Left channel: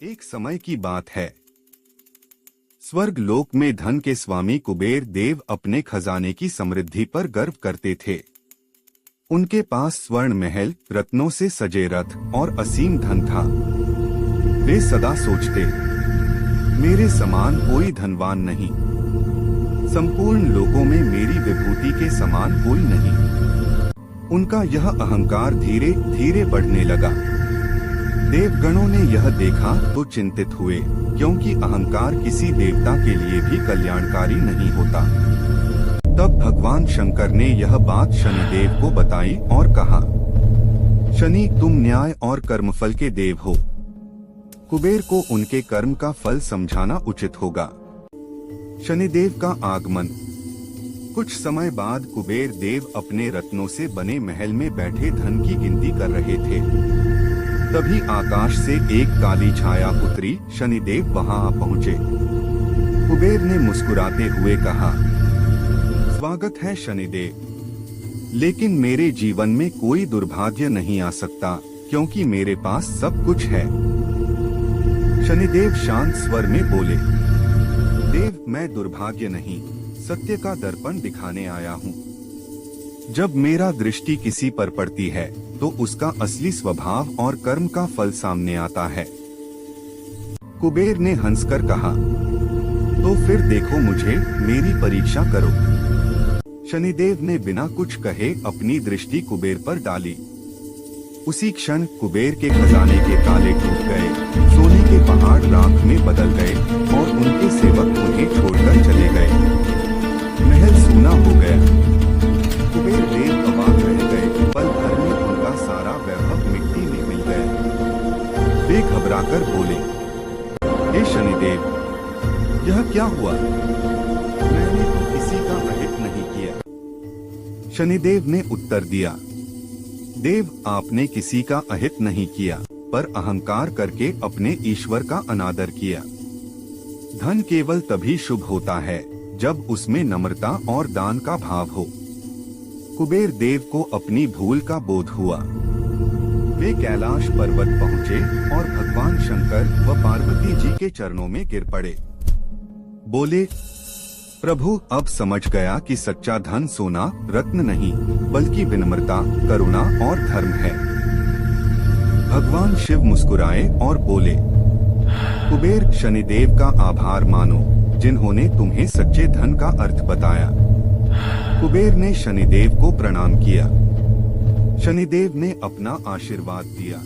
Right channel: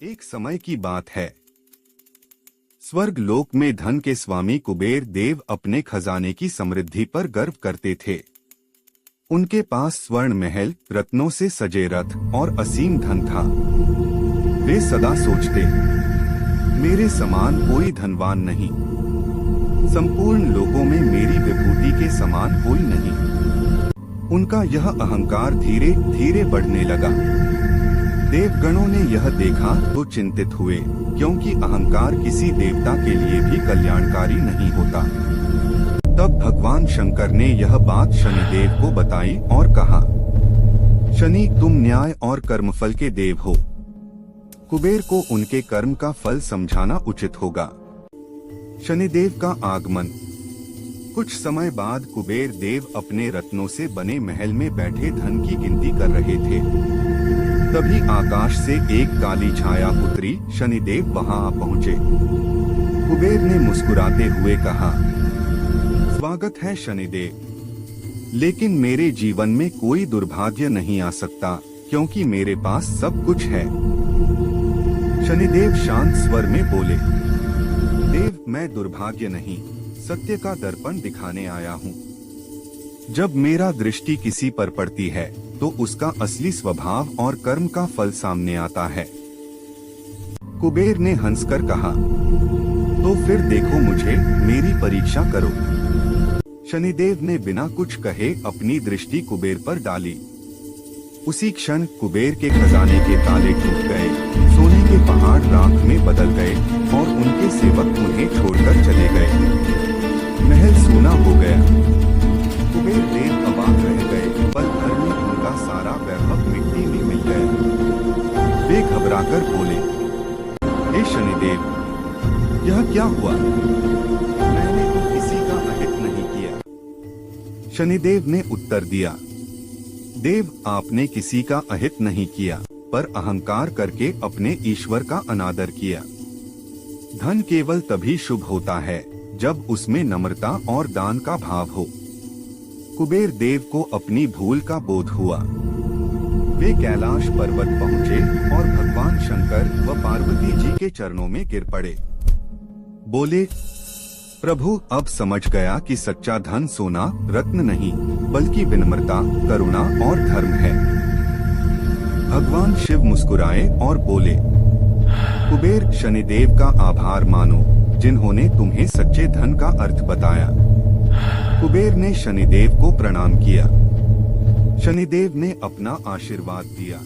एक समय की बात है। स्वर्ग लोक में धन के स्वामी कुबेर देव अपने खजाने की समृद्धि पर गर्व करते थे। उनके पास स्वर्ण महल, रत्नों से सजे रथ और असीम धन था। वे सदा सोचते, मेरे समान कोई धनवान नहीं, संपूर्ण लोकों में मेरी विभूति के समान कोई नहीं। उनका यह अहंकार धीरे धीरे बढ़ने लगा। देवगणों ने यह देखा तो चिंतित हुए, क्योंकि अहंकार किसी देवता के लिए भी कल्याणकारी नहीं होता। तब भगवान शंकर ने यह बात शनिदेव को बताई और कहा, शनि, तुम न्याय और कर्मफल के देव हो। कुबेर को उनके कर्म का फल समझाना उचित होगा। शनिदेव का आगमन। कुछ समय बाद कुबेर देव अपने रत्नों से बने महल में बैठे धन की गिनती कर रहे थे। तभी आकाश से एक काली छाया उतरी। शनिदेव वहां आ पहुंचे। कुबेर ने मुस्कुराते हुए कहा, स्वागत है शनिदेव, लेकिन मेरे जीवन में कोई दुर्भाग्य नहीं आ सकता, क्योंकि मेरे पास सब कुछ है। शनिदेव शांत स्वर में बोले, देव, मैं दुर्भाग्य नहीं, सत्य का दर्पण दिखाने आया हूँ। जब मेरा दृष्टि किसी पर पड़ती है तो उसका असली स्वभाव और कर्म का फल सामने आता है। कुबेर ने हंसकर कहा, तो फिर देखो मुझे, मेरी परीक्षा करो। शनिदेव ने बिना कुछ कहे अपनी दृष्टि कुबेर पर डाली। उसी क्षण कुबेर के खजाने के ताले टूट गए, सोने के पहाड़ राख में बदल गए और उनके सेवक उन्हें छोड़कर चले गए। महल सूना हो गया। कुबेर देव अवाक रह गए। पल भर में उनका सारा वैभव मिट्टी में मिल गया। वे घबराकर बोले, हे शनिदेव, यह क्या हुआ? मैंने तो किसी का अहित नहीं किया। शनिदेव ने उत्तर दिया, देव, आपने किसी का अहित नहीं किया, पर अहंकार करके अपने ईश्वर का अनादर किया। धन केवल तभी शुभ होता है जब उसमें नम्रता और दान का भाव हो। कुबेर देव को अपनी भूल का बोध हुआ। वे कैलाश पर्वत पहुँचे और भगवान शंकर व पार्वती जी के चरणों में गिर पड़े। बोले, प्रभु, अब समझ गया कि सच्चा धन सोना रत्न नहीं, बल्कि विनम्रता, करुणा और धर्म है। भगवान शिव मुस्कुराए और बोले, कुबेर, शनिदेव का आभार मानो, जिन्होंने तुम्हें सच्चे धन का अर्थ बताया। कुबेर ने शनिदेव को प्रणाम किया। शनिदेव ने अपना आशीर्वाद दिया।